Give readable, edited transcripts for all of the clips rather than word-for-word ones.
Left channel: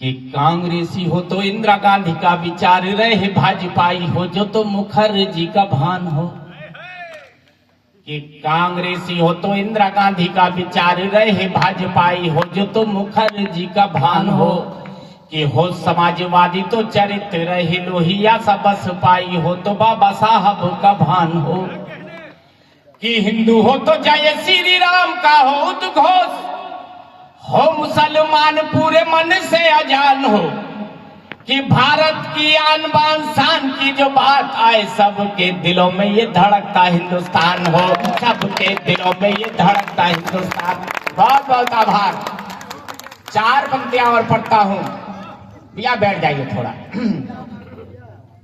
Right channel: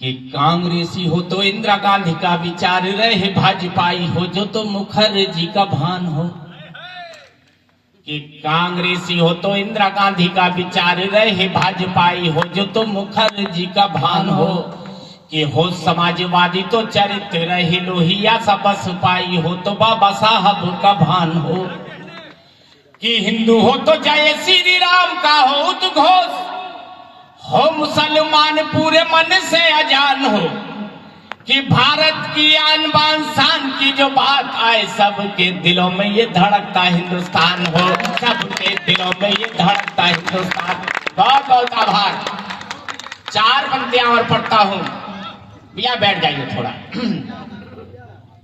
कि कांग्रेसी हो तो इंदिरा गांधी का विचार रहे, भाजपाई हो जो तो मुखर्जी का भान हो। कि कांग्रेसी हो तो इंदिरा गांधी का विचार रहे, भाजपाई हो जो तो मुखर्जी का भान हो। कि हो समाजवादी तो चरित्र रहे, लोहिया सा बस पाई हो तो बाबा साहब का भान हो। कि हिंदू हो तो जय श्री राम का हो उद्घोष हो, मुसलमान पूरे मन से अजान हो। कि भारत की आन बान शान की जो बात आए, सबके दिलों में ये धड़कता हिंदुस्तान हो, सबके दिलों में ये धड़कता हिंदुस्तान। बहुत बहुत आभार। 4 पंक्तियां और पढ़ता हूं, भैया बैठ जाइए थोड़ा।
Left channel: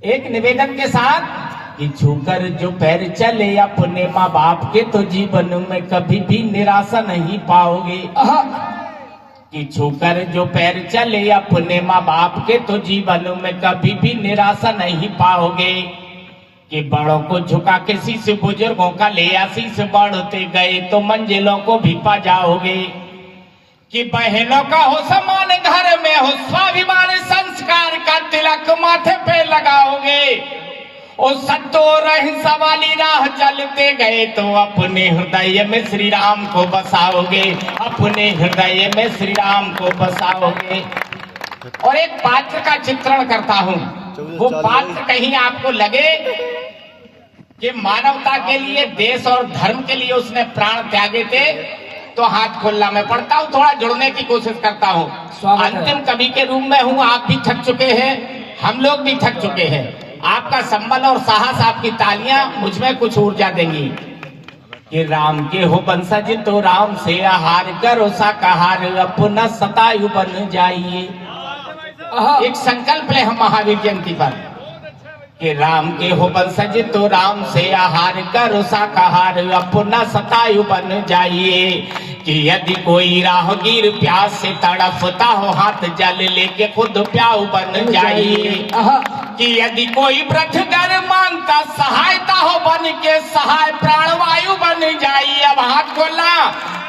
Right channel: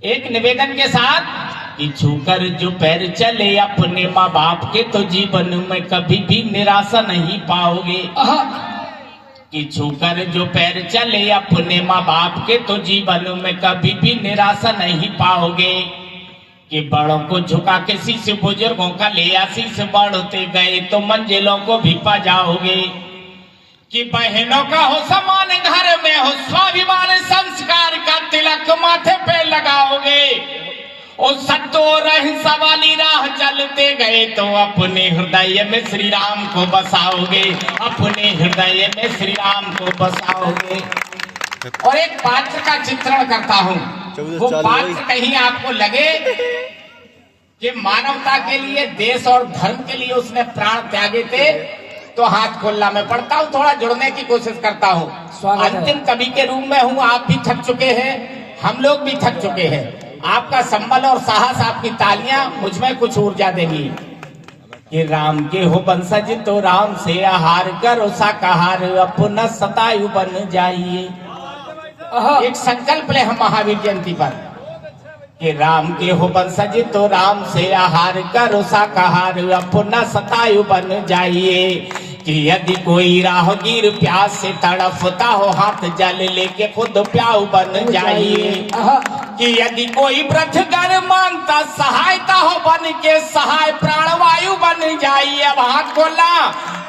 एक निवेदन के साथ कि छूकर जो पैर चले अपने माँ बाप के, तो जीवन में कभी भी निराशा नहीं पाओगे। कि छूकर जो पैर चले अपने माँ बाप के, तो जीवन में कभी भी निराशा नहीं पाओगे। कि बड़ों को झुका के शीश, बुजुर्गों का ले आशीष, बढ़ते गए तो मंजिलों को भी पा जाओगे। कि बहनों का हो समान घर में हो, स्वाभिमान संस्कार का तिलक माथे पे लगाओगे। ओ सत्तो रहंसा वाली राह चलते गए तो अपने हृदय में श्री राम को बसाओगे, अपने हृदय में श्री राम को बसाओगे। और एक पात्र का चित्रण करता हूं, वो पात्र कहीं आपको लगे कि मानवता के लिए, देश और धर्म के लिए उसने प्राण त्यागे थे, तो हाथ खोलना। मैं पढ़ता हूं, थोड़ा जुड़ने की कोशिश करता हूं। अंतिम कवि के रूप में हूं, आप भी थक चुके हैं, हम लोग भी थक चुके हैं। आपका संबल और साहस, आपकी तालियां मुझ में कुछ ऊर्जा देंगी। कि राम के हो वंशज तो राम से आहार करो शाकाहार, अपना सतायु बन जाइए। एक संकल्प ले हम महावीर जयंती पर। कि राम के हो वंशज तो राम से आहार करो शाकाहार, अपना सतायु बन जाइए। कि यदि कोई राहगीर प्यास से तड़पता हो, हाथ जल लेके खुद प्याऊ बन जाइए। कि यदि कोई व्रतगर मांगता सहायता हो, बन के सहाय प्राणवायु बन जाइए। अब हाथ खोलना,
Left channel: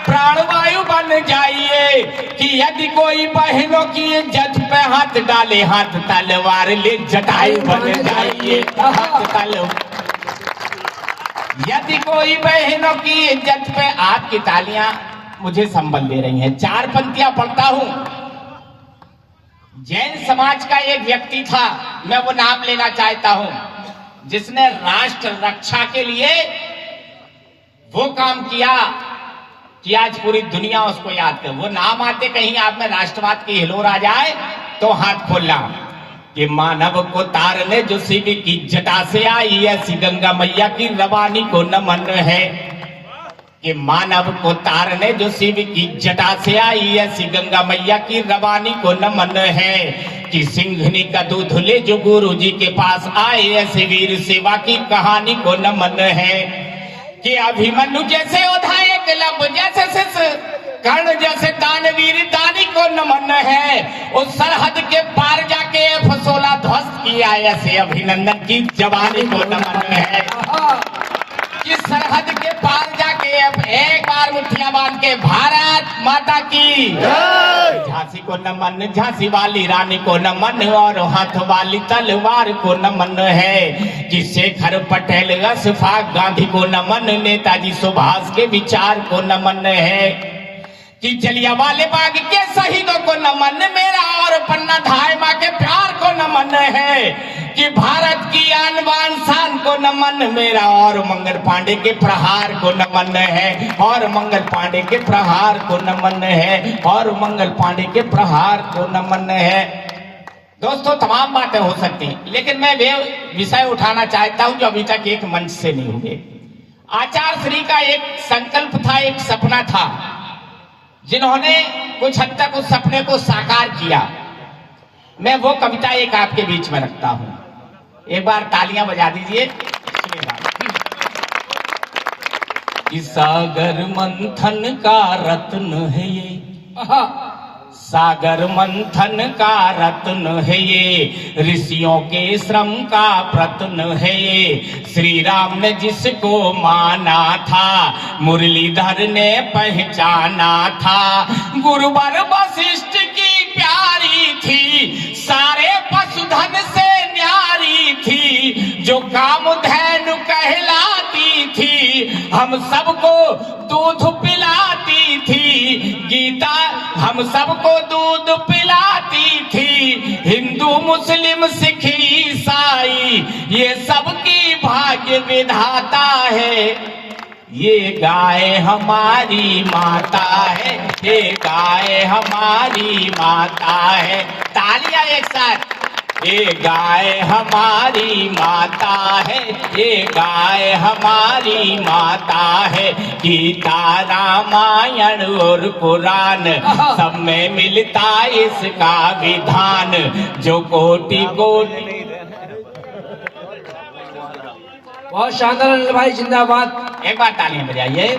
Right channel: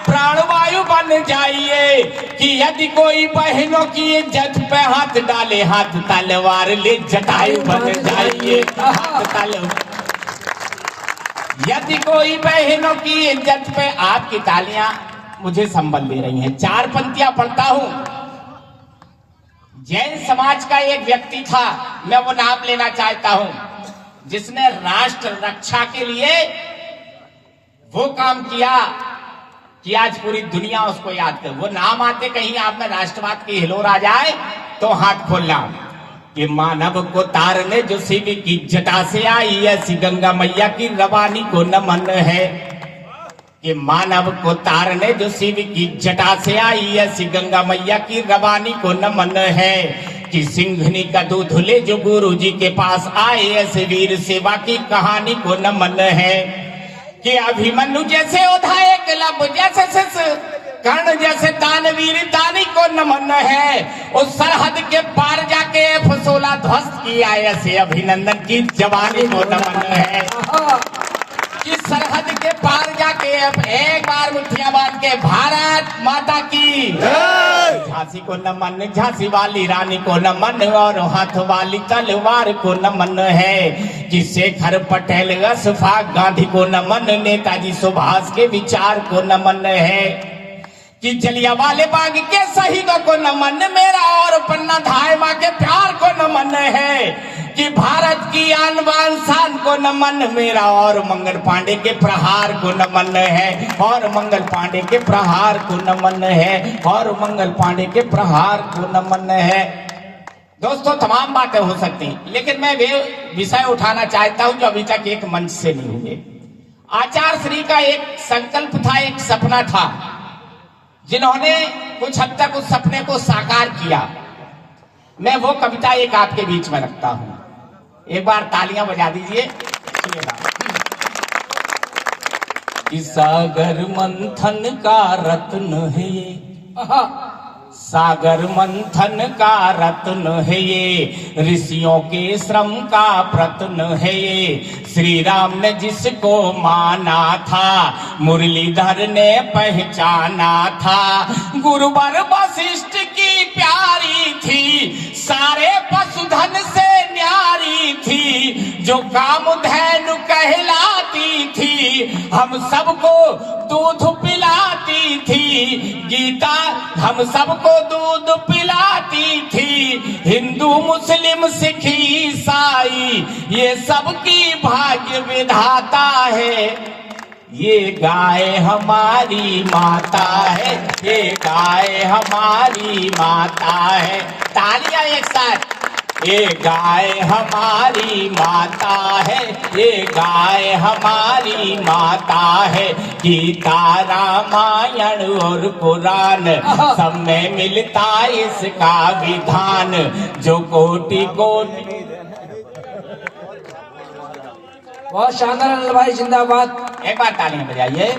प्राणवायु बन जाइए। कि यदि कोई बहनों की इज्जत पे हाथ डाले, हाथ तलवार ले जटायु बन जाइए। हाथ तलवार, यदि कोई बहनों की इज्जत पे, आपकी तालियां मुझे संबल दे रही हैं। 4 पंक्तियां पढ़ता हूं। जैन समाज का एक व्यक्ति था, मैं वो नाम लेना चाहता हूं, जिसने राष्ट्र रक्षा के लिए वो काम किया कि आज पूरी दुनिया उसको याद करे। वो नाम आते कहीं आप में राष्ट्रवाद की हिलोर आ जाए तो हाथ खोलना। कि मानव को तारने जो शिव की जटा से आई, ऐसी गंगा मैया की रवानी को नमन है। कि मानव को तारने जो शिव की जटा से आई, ऐसी गंगा मैया की रवानी को नमन है। कि सिंघनी का दूध ले जो गुरु जी के पास आए, ऐसे वीर सेवा की कहानी को नमन है। कि अभिमन्यु जैसे उधा एक लब जैसे कर्ण जैसे दानवीर दानी को नमन है। उस सरहद के पार जाके F-16 ध्वस्त किया, ऐसे अभिनंदन की जवानी को नमन है। कि सरहद के पार जाके एक बार मुठ्ठियां बांध के भारत माता की झांसी को नमन, झांसी वाली रानी को नमन, और हाथ वाली तलवार को नमन है। कि शेखर पटेल अशफाक गांधी को नमन, नेताजी सुभाष के विचार को नमन है। कि जलियांवाले बाग के शहीदों को नमन, मेरा और पन्ना धाय माँ के प्यार को नमन है। कि भारत की आन बान शान को नमन, मेरा और मंगल पांडे के प्रहार को नमन है, और मंगल पांडे के प्रहार को नमन है, और मंगल पांडे के प्रहार को नमन है। दोस्तों तमाम बातें हो सकती, लेकिन मैं वे विषय उठाना चाहता हूं जो अभी तक एक मंच से नहीं हुए। आचार्य श्री का एक संकल्प था, एक सपना था, जिन्होंने कुछ हद तक उस सपने को साकार किया। मैं वो कविता एक आपके बीच में रखता हूं, एक बार तालियां बजा दीजिए। सागर मंथन का रत्न है ये, सागर मंथन का रत्न है ये, ऋषियों के श्रम का प्रत्न है ये। श्री राम ने जिसको माना था, मुरलीधर ने पहचाना था। गुरुवर वशिष्ठ की प्यारी थी सबको दूध पिलाती थी गीता, हम सबको दूध पिलाती थी। हिंदू मुस्लिम सिख ईसाई ये सबकी भाग्य विधाता है। ये गाय हमारी माता है, ये गाय हमारी माता है। तालियां एक साथ। ये गाय हमारी माता है, ये गाय हमारी माता है। गीता रामायण और पुराण सब में मिलता इसका विधान। जो कोटि कोटि। बहुत शानदार अनिल भाई, जिंदाबाद। एक बार तालियां बजाइए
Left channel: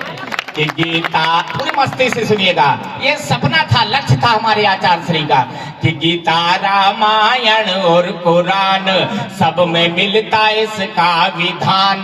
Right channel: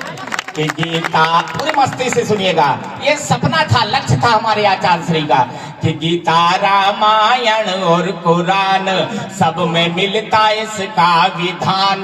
कि गीता पूरी मस्ती से सुनिएगा। ये सपना था, लक्ष्य था हमारे आचार्य श्री का कि गीता रामायण और कुरान सब में मिलता इसका विधान।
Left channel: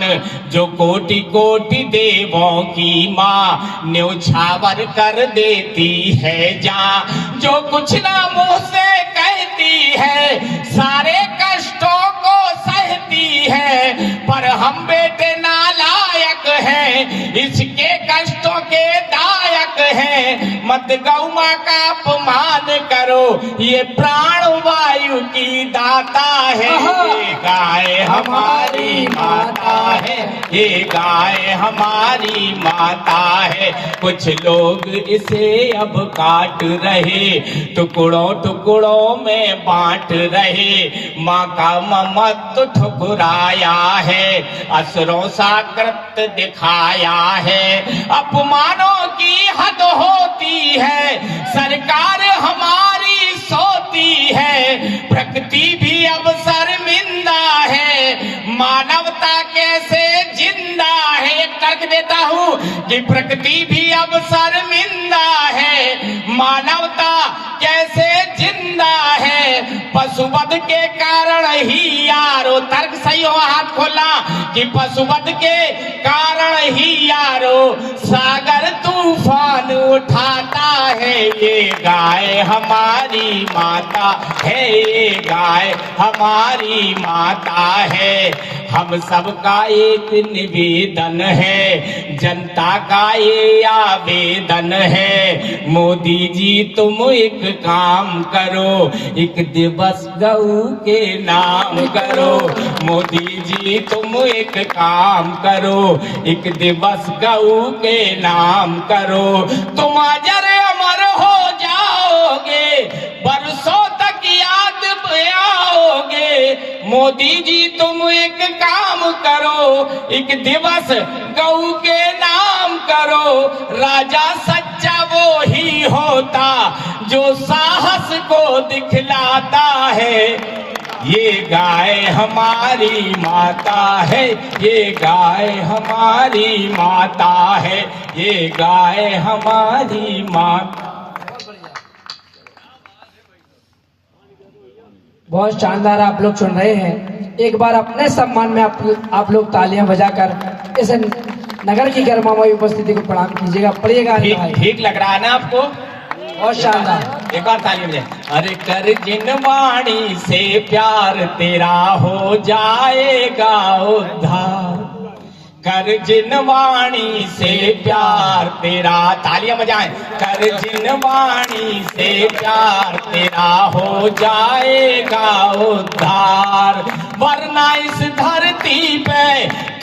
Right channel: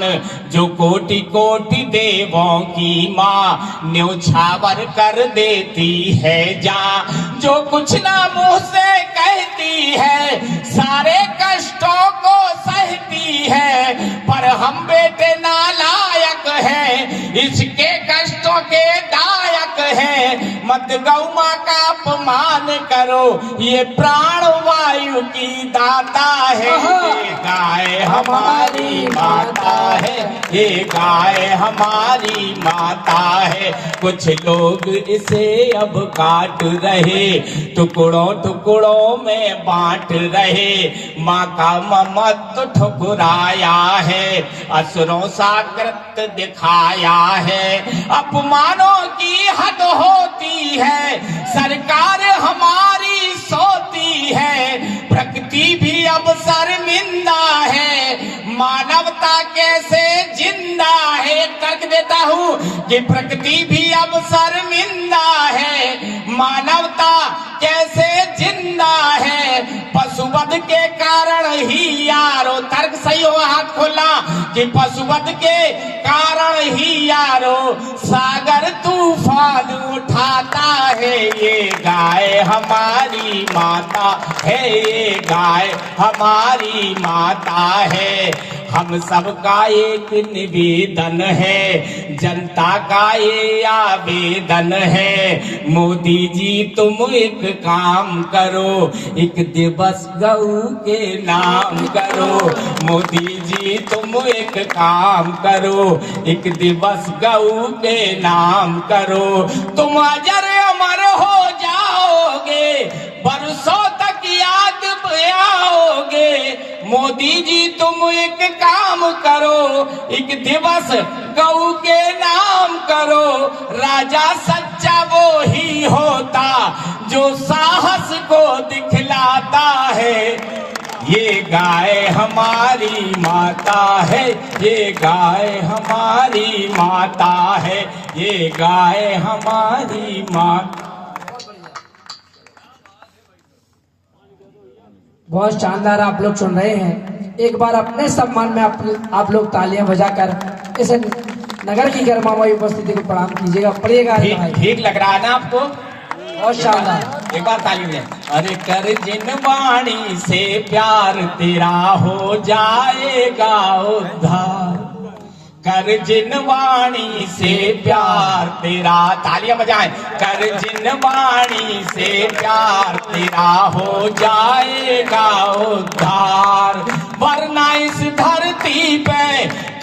जो कोटि कोटि देवों की माँ न्यौछावर कर देती है जान। जो कुछ ना मुंह से कहती है सारे कष्टों को सहती है, पर हम बेटे नालायक हैं इसके कष्टों के दायक हैं। मत गौ माँ का अपमान करो, ये प्राण वायु की दाता है। ये गाय हमारी माता है, ये गाय हमारी माता है। कुछ लोग इसे अब काट रहे, टुकड़ों टुकड़ों में बांट रहे। माँ का ममत्व ठुकराया है, असुरों सा कृत्य दिखाया है। अपमानों की हद होती है, सरकार हमारी सोती है। प्रकृति भी अब शर्मिंदा है, मानवता कैसे जिंदा है। तर्क देता हूँ कि प्रकृति भी अब शर्मिंदा है, मानवता कैसे जिंदा है। पशुवध के कारण ही यारो, तर्क सही हो, हाथ खोलना कि पशुवध के कारण ही यारो सागर तूफान उठाता है। ये गाय हमारी माता है, ये गाय हमारी माता है। हम सबका एक निवेदन है, जनता का ये आवेदन है। मोदी जी तुम एक काम करो, एक दिवस गऊ के नाम करो। मोदी जी तुम एक काम करो, एक दिवस गऊ के नाम करो। तुम अजर अमर हो जाओगे, बरसों तक याद आओगे। मोदी जी तुम एक काम करो, एक दिवस गऊ के नाम करो। राजा सच्चा वो ही होता जो साहस को दिखलाता है। ये गाय हमारी माता है, ये गाय हमारी माता है, ये गाय हमारी माता। बहुत शानदार आप लोग सुन रहे हैं। एक बार अपने सम्मान में आप लोग तालियां बजाकर इस नगर की गर्मामयी उपस्थिति को प्रणाम कीजिएगा। पढ़िएगा भाई, ठीक लग रहा है ना आपको? बहुत शानदार। एक बार ताली में। अरे कर जिन वाणी से प्यार तेरा हो जाएगा उद्धार। कर जिन वाणी से प्यार तेरा, तालियां बजाएं। कर जिन वाणी से प्यार तेरा हो जाएगा उद्धार। वरना इस धरती पे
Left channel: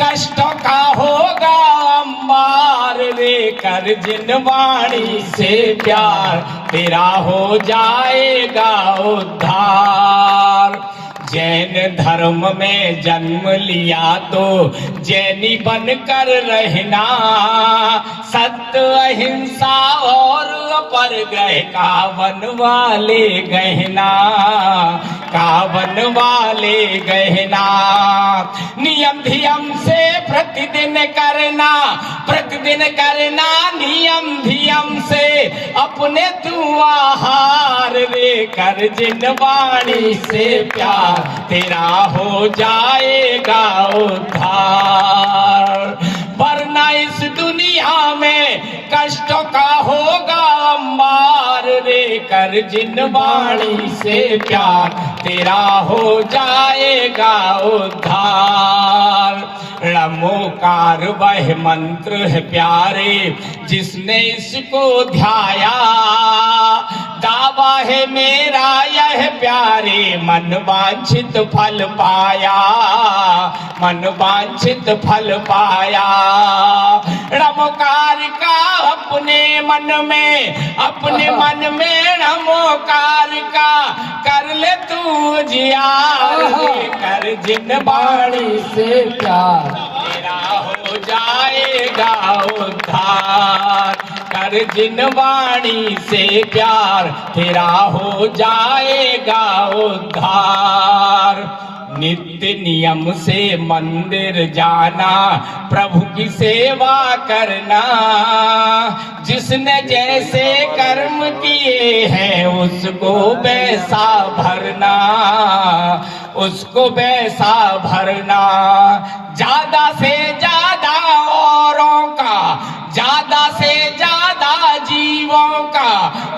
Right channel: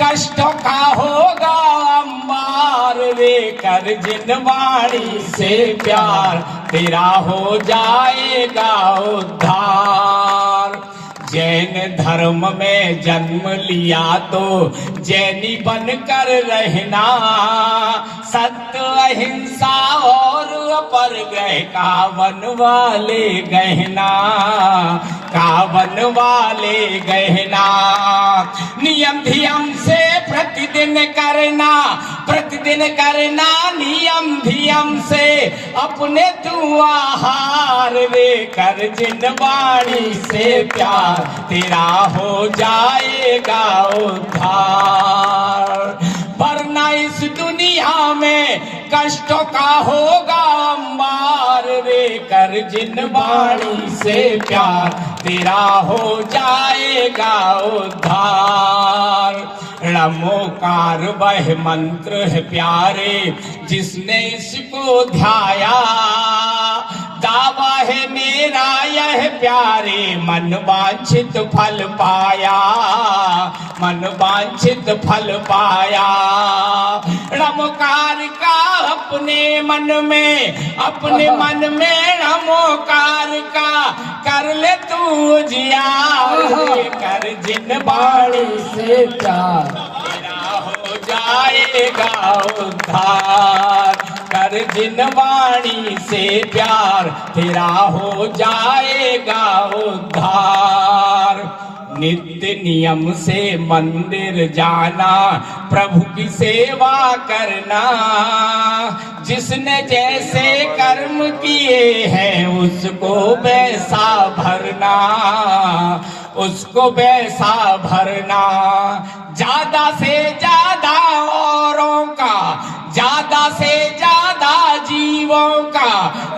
कष्टों का होगा अंबार रे। कर जिन वाणी से प्यार तेरा हो जाएगा उद्धार। जैन धर्म में जन्म लिया तो जैनी बनकर रहना। सत्य अहिंसा और पर गए कावन वाले गहना, कावन वाले गहना। नियम धियम से प्रतिदिन करना, प्रतिदिन करना नियम धियम से अपने तू आहार रे। कर जिन वाणी से प्यार तेरा हो जाएगा उद्धार। वरना इस दुनिया में कष्टों का होगा अंबार रे। कर जिन वाणी से प्यार तेरा हो जाएगा उद्धार। णमोकार वह मंत्र है प्यारे, जिसने इसको ध्याया, दावा है मेरा यह प्यारे, मन वांछित फल पाया, मन वांछित फल पाया। नमोकार का अपने मन में नमोकार का कर ले तू जियार, कर जिन बाणी से प्यार तेरा हो जाएगा उद्धार, कर जिन वाणी से प्यार तेरा हो जाएगा उद्धार। नित्य नियम से मंदिर जाना, प्रभु की सेवा करना, जिसने जैसे कर्म किए हैं उसको वैसा भरना, उसको वैसा भरना। ज्यादा से ज्यादा औरों का, ज्यादा से ज्यादा जीवों का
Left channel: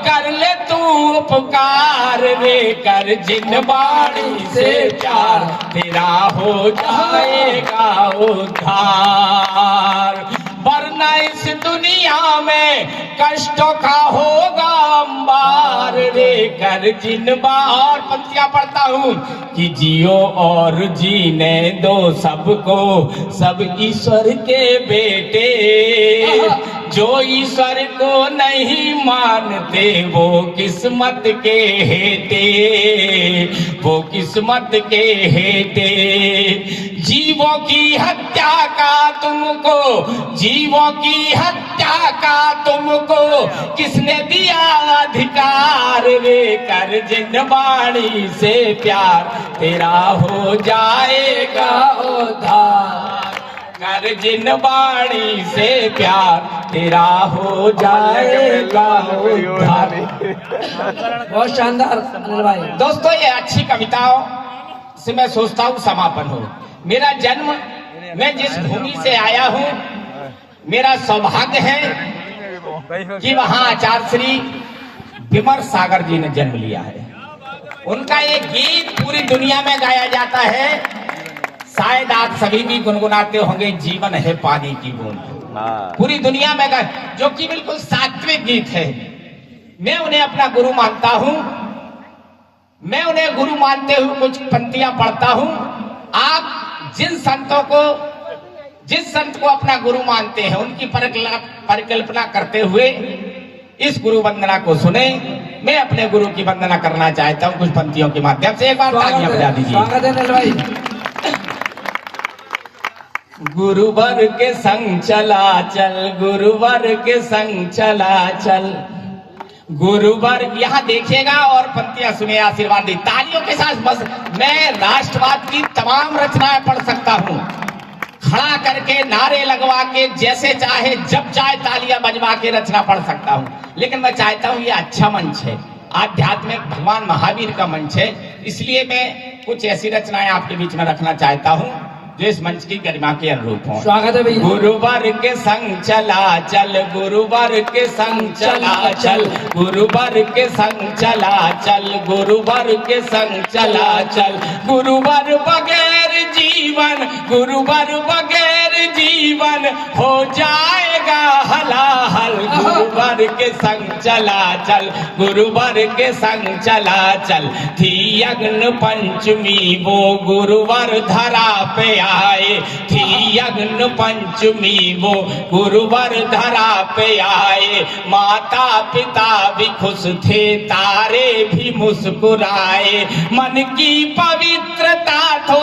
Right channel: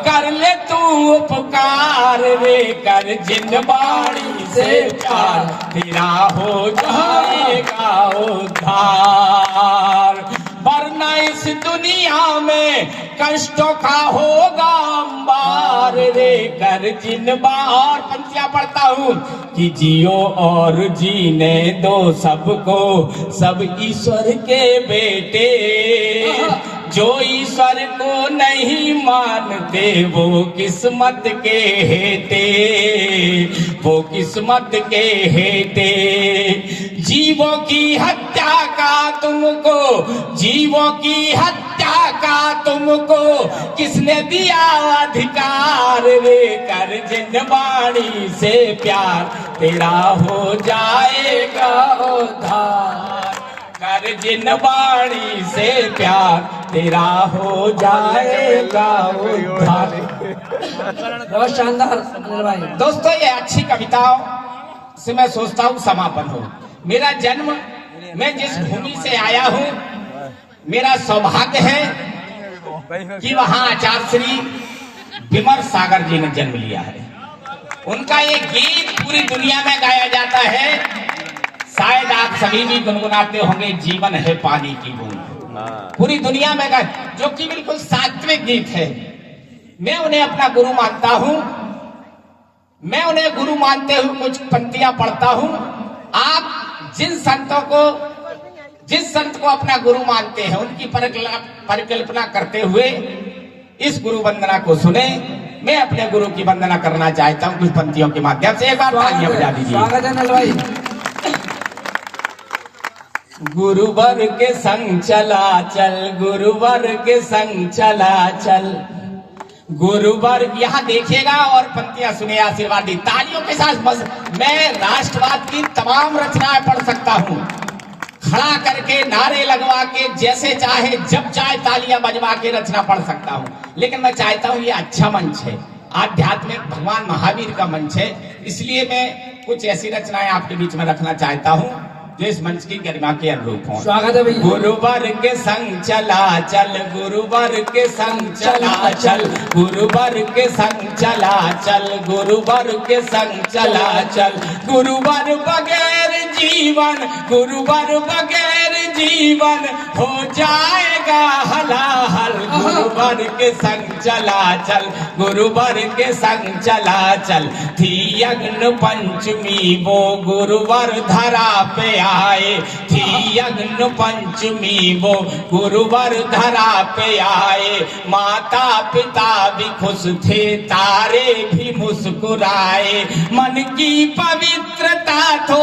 कर ले तू उपकार रे, कर जिन बाणी से प्यार तेरा हो जाएगा उद्धार। वरना इस दुनिया में कष्टों का होगा अंबार रे, कर जिन बार। पंक्तियां पढ़ता हूँ कि जियो और जीने दो सबको, सब ईश्वर के बेटे, जो ईश्वर को नहीं मानते वो किस्मत के हेटे, वो किस्मत के हेटे। जीवों की हत्या का तुमको, जीवों की हत्या का तुमको किसने दिया अधिकार रे, कर जिन वाणी से प्यार तेरा हो जाएगा उद्धार, कर जिन वाणी से प्यार तेरा हो जाएगा उद्धार। बहुत शानदार अनिल भाई। दोस्तों, ये अच्छी कविताओं से मैं सोचता हूँ समापन हो। मेरा जन्म, मैं जिस भूमि से आया हूँ, मेरा सौभाग्य है कि वहाँ आचार्य श्री विमर सागर जी ने जन्म लिया है। उनका ये गीत पूरी दुनिया में गाया जाता है, शायद आप सभी भी गुनगुनाते होंगे, जीवन है पानी की बूंद। पूरी दुनिया में गा, जो कि बिल्कुल सात्विक गीत है। मैं उन्हें अपना गुरु मानता हूँ, मैं उन्हें गुरु मानते हुए कुछ पंक्तियां पढ़ता हूँ। आप जिन संतों को, जिस संत को अपना गुरु मानते हैं, उनकी परिकल्पना करते हुए इस गुरु वंदना को सुने। मैं अपने गुरु की वंदना करना चाहता हूँ कुछ पंक्तियों के माध्यम से। एक बार तालियां बजा दीजिए। स्वागत है अनिल भाई। गुरुवर के संग चला चल, गुरुवर के संग चला चल, गुरुवर। यहाँ देखिएगा और पंक्तियां सुने, आशीर्वाद दी तालियों के साथ। बस मैं राष्ट्रवाद की तमाम रचनाएं पढ़ सकता हूँ, खड़ा करके नारे लगवा के, जैसे चाहे जब चाहे तालियां बजवा के रचना पढ़ सकता हूँ। लेकिन मैं चाहता हूँ ये अच्छा मंच है, आध्यात्मिक भगवान महावीर का मंच है, इसलिए मैं कुछ ऐसी रचनाएं आपके बीच में रखना चाहता हूँ जो इस मंच की गरिमा के अनुरूप हो। स्वागत है भैया। गुरुवर के संग चला चल, गुरुवर के संग चला चल, गुरुवर के संग चला चल, गुरुवर के संग चला चल। गुरुवर बगैर जीवन, गुरुवर बगैर जीवन हो जाएगा हलाहल। गुरुवर के संग चला चल, गुरुवर के संग चला चल। थी अग्न पंचमी वो गुरुवर धरा पे आए, थी अग्न पंचमी वो गुरुवर धरा पे आए। माता पिता भी खुश थे, तारे भी मुस्कुराए। मन की पवित्रता तो,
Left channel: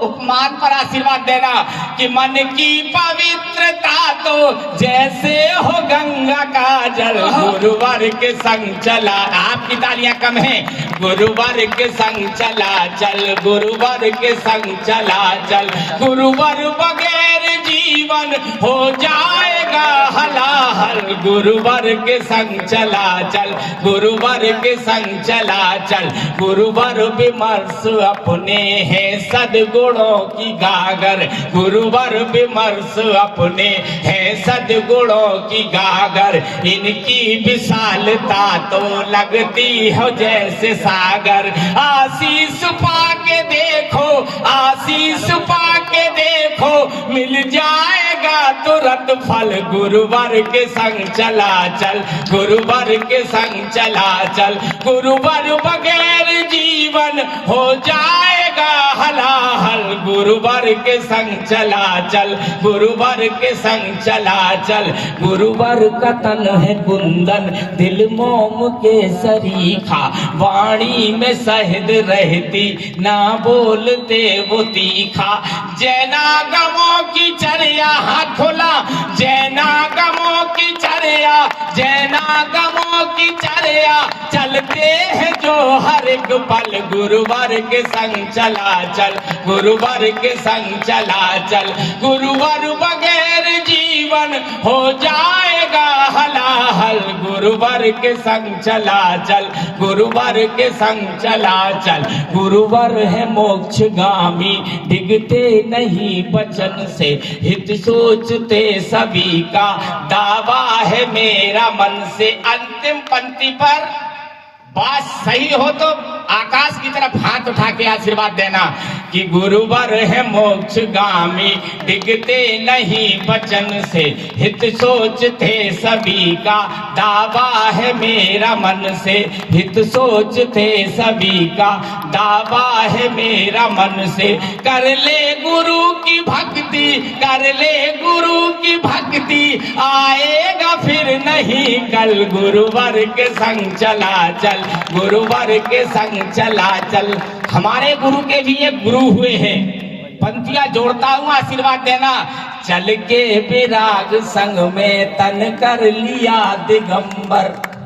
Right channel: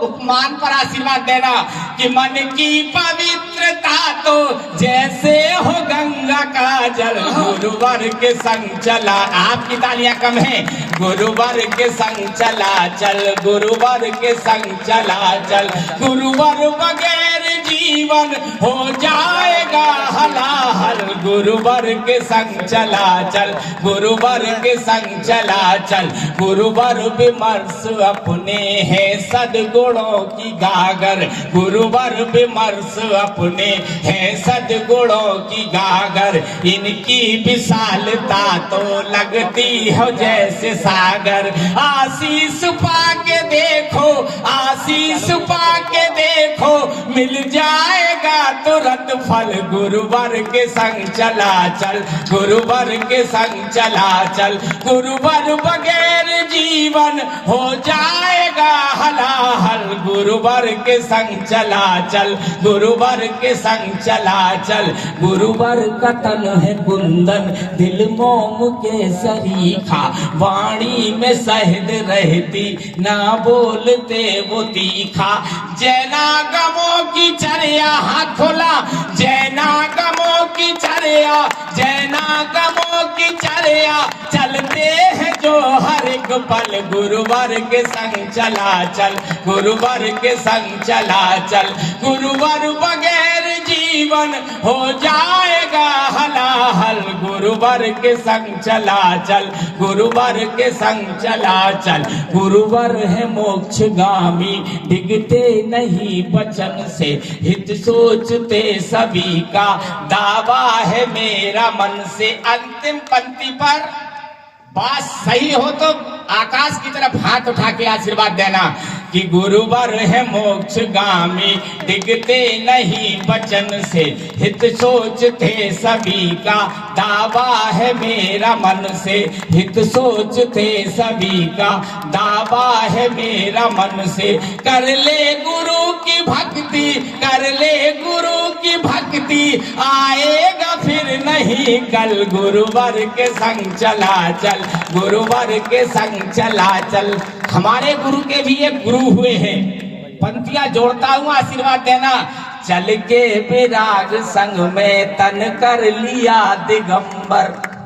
उपमान पर आशीर्वाद देना कि मन की पवित्रता तो जैसे हो गंगा का जल। गुरुवर के संग चला, आपकी तालियां कम है। गुरुवर के संग चला चल, गुरुवर के संग चला चल। गुरुवर बगैर जीवन हो जाएगा हलाहल। गुरुवर के संग चला चल, गुरुवर के संग चला चल। गुरुवर विमर्श अपने हैं सद्गुणों की गागर, गुरुवर विमर्श अपने हैं सद्गुणों की गागर। इनकी विशालता तो लगती हो जैसे सागर। आशीष पाके देखो, आशीष पाके देखो मिल जाएगा तुरंत फल, गुरुवर के संग चला चल, गुरुवर के संग चला चल। गुरुवर बगैर जीवन हो जाएगा हलाहल, गुरुवर के संग चला चल, गुरुवर के संग चला चल। गुरुवर का तन है कुंदन, दिल मोम के सरीखा, वाणी में शहद रहती, ना बोलते वो तीखा। जैनागमों की चर्या हाथ खोला, जैनागमों की चर्या, जैनागमों की चर्या, चलते हैं जो हर एक पल, गुरुवर के संग चला चल, गुरुवर के संग चला चल। गुरुवर बगैर जीवन हो जाएगा हलाहल, गुरुवर के संग चला चल, गुरुवर के संग चला चल। गुरुवर है मोक्षगामी, डिगते नहीं वचन से, हित सोचते सभी का, दावा है मेरा मन से। अंतिम पंक्ति पर बात सही हो तो आकाश की तरफ हाथ उठा के आशीर्वाद देना कि गुरुवर है मोक्षगामी, डिगते नहीं वचन से, हित सोचते सभी का, दावा है मेरा मन से, हित सोचते सभी का, दावा है मेरा मन से। कर ले गुरु की भक्ति, कर ले गुरु की भक्ति, आएगा फिर नहीं कल, गुरुवर के संग चला चल, गुरुवर के संग चला चल। हमारे गुरु के भी एक गुरु हुए हैं, पंक्तियां जोड़ता हूं, आशीर्वाद देना। चल के विराग संग में तन कर लिया दिगंबर,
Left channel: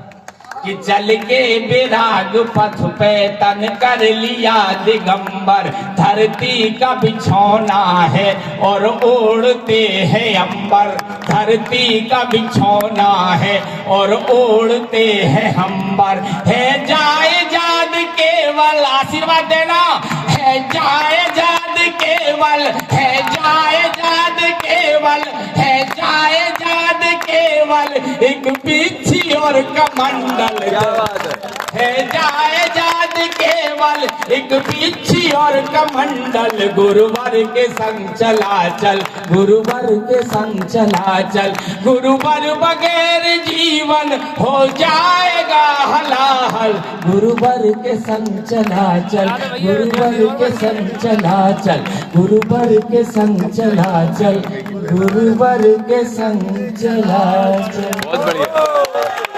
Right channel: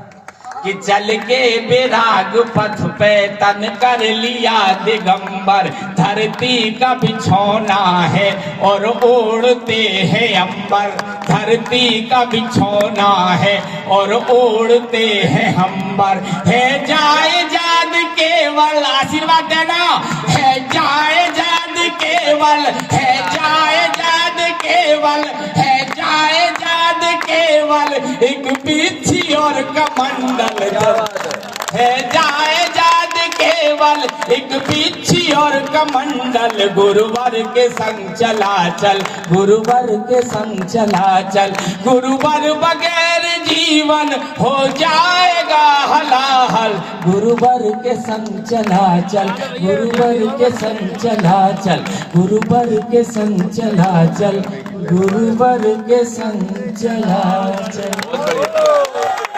कि चल के विराग पथ पे तन कर लिया दिगंबर। धरती का बिछौना है और ओढ़ते हैं अंबर, धरती का बिछौना है और ओढ़ते हैं अंबर। है जाए जाद केवल, आशीर्वाद देना, है जाए जाद केवल, है जाए जाद केवल, है जाए जाद केवल, एक पीछी और कमंडल, है जाए जाद केवल, एक पीछी और कमंडल। गुरुवर के संग चला चल, गुरुवर के संग चला चल। गुरुवर बगैर जीवन हो जाएगा हलाहल, गुरुवर के संग चला चल, गुरुवर के संग चला चल, गुरुवर के संग चला चल, गुरुवर के संग चला चल।